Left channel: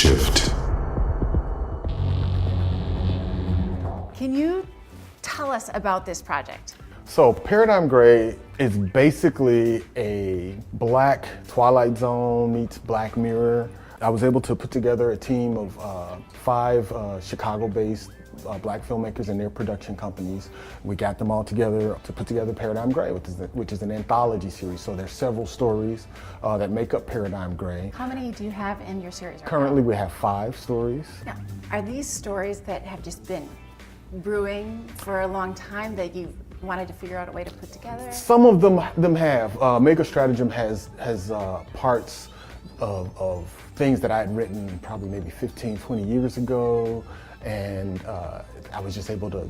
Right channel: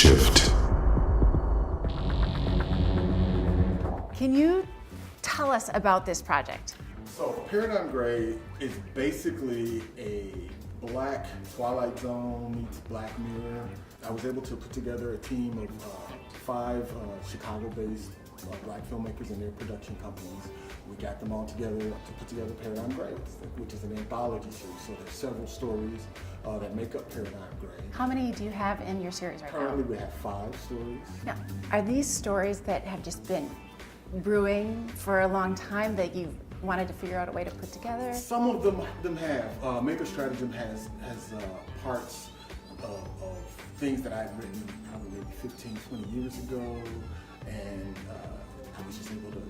shift. Can you tell us about this project? So Paradigm Gray is basically a black Twilight Zone meets Black Mirror. I was able to put together a team of 5 Chicago-based black filmmakers and their production companies. We got them all together to put together Paradigm Gray, which is an anthology series. So there's several stories that make up Paradigm Gray. How many do you have in your series right Currently now? we have 5 stories. Now, are these stories that have just been brewing for a long time that you wanted to figure out a way to put together? Some of them have. Mega Stratagem has parts of things that I had written probably maybe 15, 20 years ago, and I was just able to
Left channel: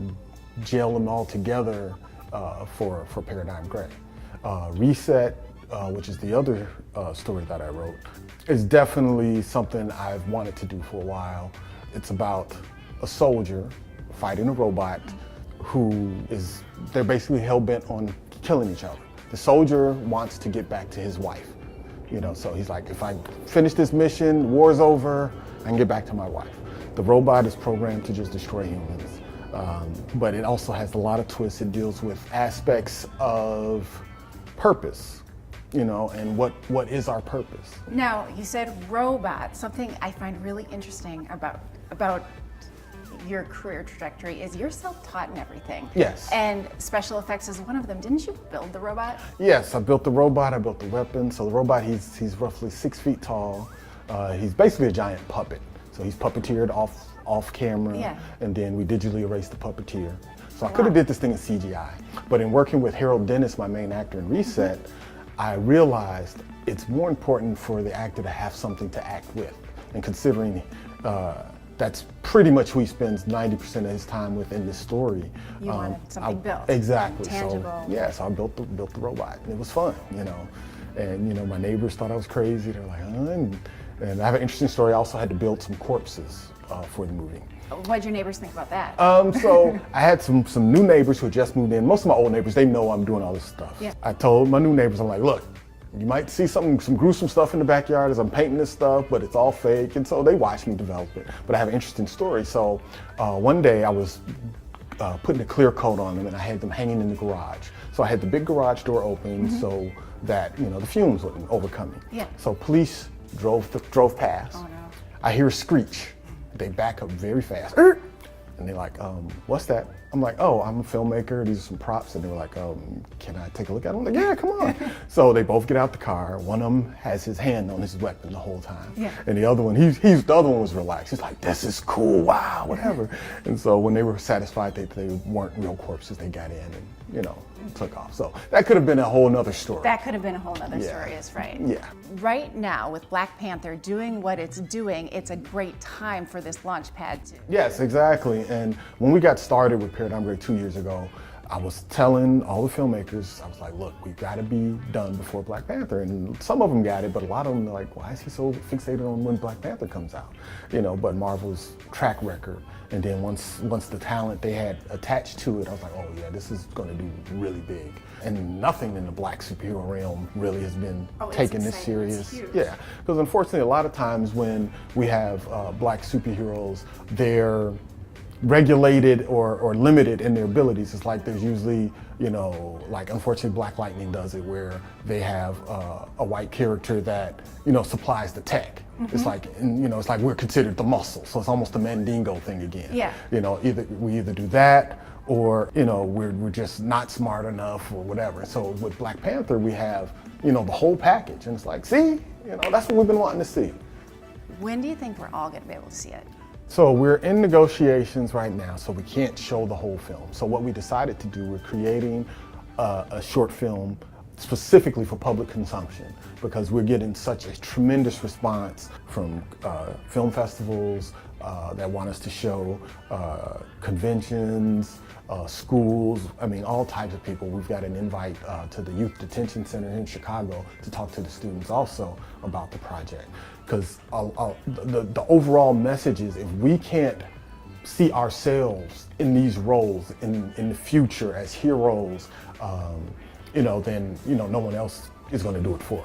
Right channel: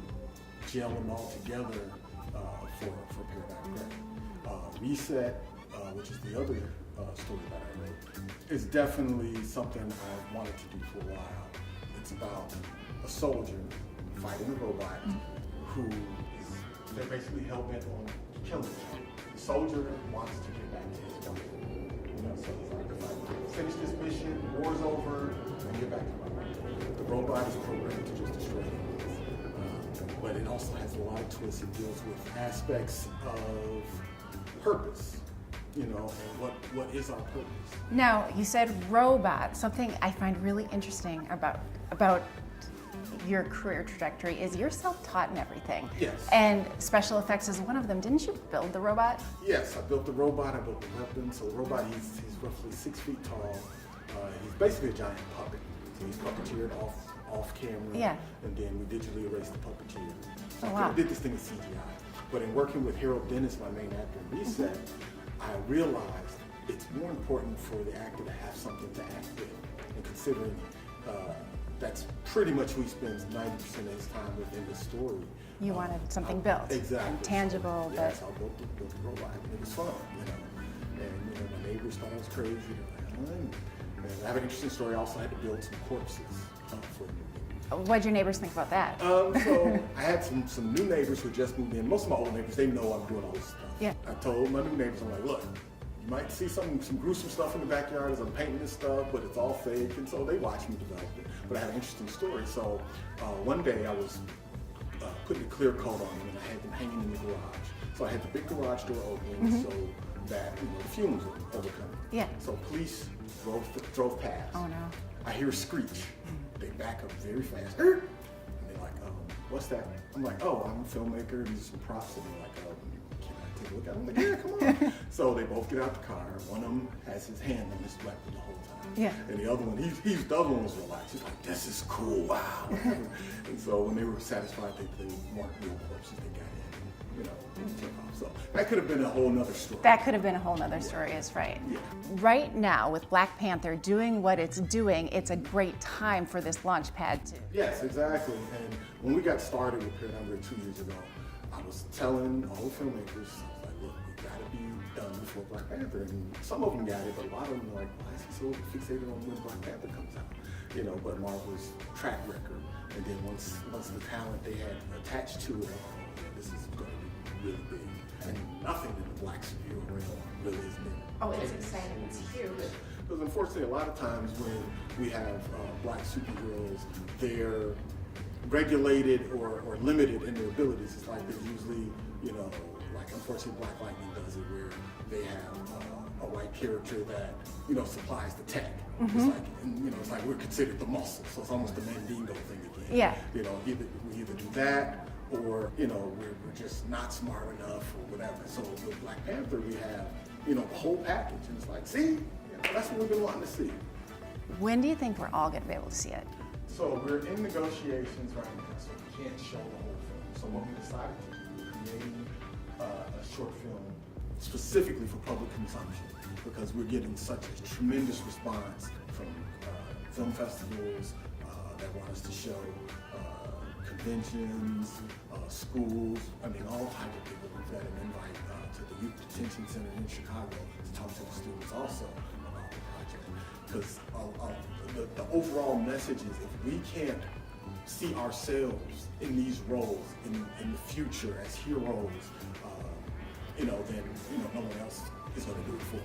gel them all together for Paradigm Gray. Reset, which is the other story that I wrote, is definitely something I've wanted to do for a while. It's about a soldier fighting a robot they're basically hell-bent on killing each other. The soldier wants to get back to his wife. So he's like, if I finish this mission, war's over, I can get back to my wife. The robot is programmed to just destroy humans. But it also has a lot of twists. It deals with aspects of purpose, and what is our purpose. Now, you said robot. Something I find really interesting about your career trajectory is you're self-taught in everything. Yes. And special effects is one of them. Didn't you build the robot? Yes, I built the robot, I built the weapon. So the robot, he's roughly 6 feet tall. He's basically a giant puppet. So he's puppeteered off camera. Yeah. And then we digitally erased the puppeteer. So I could have did this thing in CGI. But in working with Harold Dennis, my main actor in Reset, I realized it's more important for the actor to have something to act with. And considering that's pretty much who he spends 90% of his time with in this story. You wanted something built. Exactly. Tangible. So I built the robot. And it was fun, And my neighbors thought I was crazy. They're like, and I have an interesting story. I also had to build some corpses for the movie. What'd your neighbors think about that? So I had some new neighbors who had just moved in. Most of my old neighbors, they know I'm doing all this stuff. Yeah. I told my new neighbors, I'm like, look, you might see some gruesome stuff in the backyard as I'm painting this stuff, but it's all fake. And so they watched me develop it. But I have an interesting story. So one day I was putting a clear coat on them and I had them hanging in the garage. So I had the big garage door open so that the fumes wouldn't overcome me. Yeah. So police drove past. Oh no. I hear a screech. They back up very fast. And they're like, what's that? I'm like, oh, I'm a filmmaker. These are some props. And they were like, can I take a look at them? I'm like, yeah, come on. So they both get out the car. One of them has his hand on his weapon the whole time. Yeah. And the other one, the other one was relaxed. He's like, this is cool, wow, whatever. And so when they were satisfied that they weren't real corpses, they got in and, took off. So that could have been a whole nother story. That could have been a whole nother story, is right. Yeah. Right now, with Black Panther doing what it's doing, it's a great time for this launch pad too. Yes, exactly. And when we got started with Paradigm Gray 2 years ago, I was telling all the filmmakers, I was like, look, we gotta be done before Black Panther. And some of them got it, but a lot of them are like, why is he so fixated on when Black Panther comes out? But Marvel's track record. And then once the talent they had attached to it, I was like, oh yeah, this is gonna do really big. And nothing in the black superhero realm really has been taken this serious. Yeah, because unfortunately a lot of times when we have black superheroes, they're regulated or limited in their abilities. It's like there's usually, like unfortunately Black Lightning does it where they have a white character that, supplies the tech. It's like, it's like we're considered the muscle. So it's almost a Mandingo thing again. Yeah. We either do that or, we're just not smart enough or whatever. So with Black Panther, we have, the whole package. And it's like, see, that's what we've been wanting to see. When do you think we're all gonna be able to see it? So we're in negotiations right now, so we can't show the whole film. So what we decided to do, we're creating a short film specifically for public consumption because we're getting such a tremendous response from film festivals that want us to show, conventions, schools, all types of people. We've got an invite to the Youth Detention Center in Chicago to talk to the students also about the project. Because the overall message is if we can't see ourselves in these roles in the future as heroes, then no one else is going to do it for us.